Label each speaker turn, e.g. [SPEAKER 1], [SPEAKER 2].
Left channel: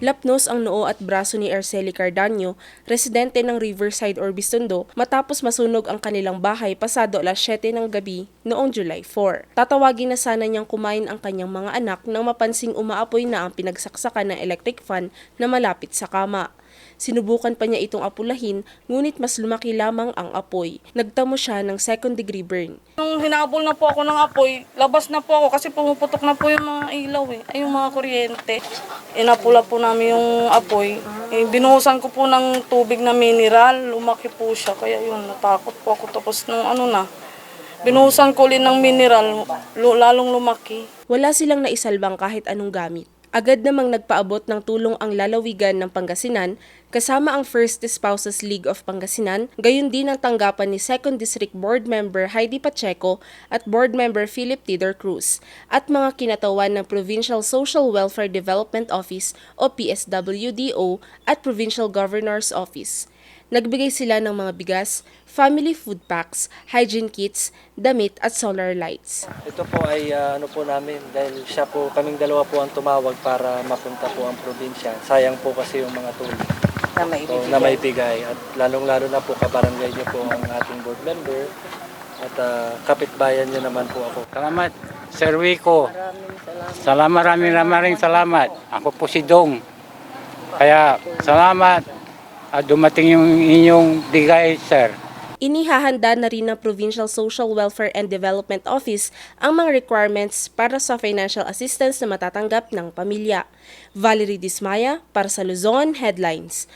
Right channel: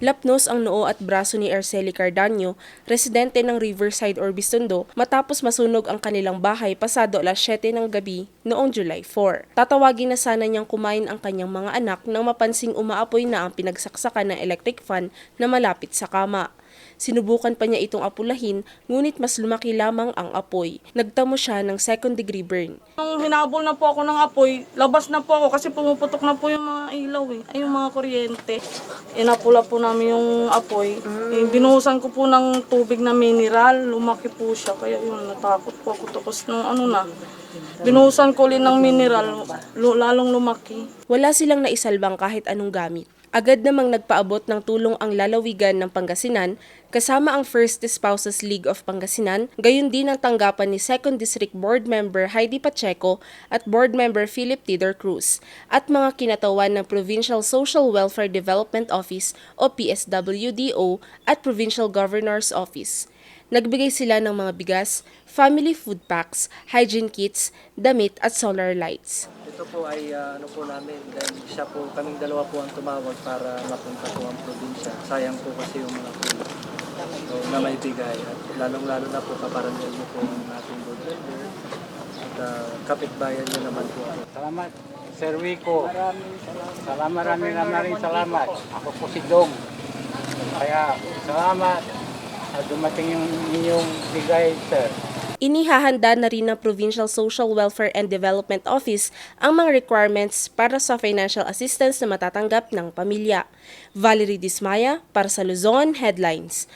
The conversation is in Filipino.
[SPEAKER 1] Lapnos ang noo at braso ni Arceli Cardanyo, residente ng Riverside or Bistondo, matapos masunog ang kanilang bahay pasado alas 7 ng gabi noong July 4. Tatawagin na sana niyang kumain ang kanyang mga anak nang mapansing umaapoy na ang pinagsaksakan ng electric fan na malapit sa kama. Sinubukan pa niya itong apulahin, ngunit mas lumaki lamang ang apoy. Nagtamo siya ng second degree burn.
[SPEAKER 2] Nung hinabol na po ako ng apoy, labas na po ako kasi pumuputok na po yung mga ilaw eh, ay yung mga kuryente. Inapula po namin yung apoy. Eh, binuhusan ko po ng tubig na mineral, lumaki po siya. Kaya yun, natakot po ako tapos ng ano na. Binuhusan ko ulit ng mineral, lalong lumaki.
[SPEAKER 1] Wala silang naisalbang kahit anong gamit. Agad namang nagpaabot ng tulong ang lalawigan ng Pangasinan kasama ang First Spouses League of Pangasinan, gayon din ang tanggapan ni 2nd District Board Member Heidi Pacheco at Board Member Philip Tidor Cruz at mga kinatawan ng Provincial Social Welfare Development Office o PSWDO at Provincial Governor's Office. Nagbigay sila ng mga bigas, family food packs, hygiene kits, damit at solar lights.
[SPEAKER 3] Ito po ay ah, ano po namin dahil siya po, kaming dalawa po ang tumawag para mapunta po ang probinsya. Sayang po kasi yung mga tulong
[SPEAKER 4] na may
[SPEAKER 3] so, na may bigay. At lalong-lalo na po kabarangay niyo po ang ating board member at ah, kapitbayan niyo naman po ako.
[SPEAKER 5] Salamat, Sir Wico. Salamat, maraming maraming salamat. Ako po si Dong. Kaya, salamat. At dumating yung inyong bigay, sir.
[SPEAKER 1] Inihahanda na rin ng Provincial Social Welfare and Development Office ang mga requirements para sa financial assistance na matatanggap ng pamilya. Valerie Dismaya para sa Luzon Headlines.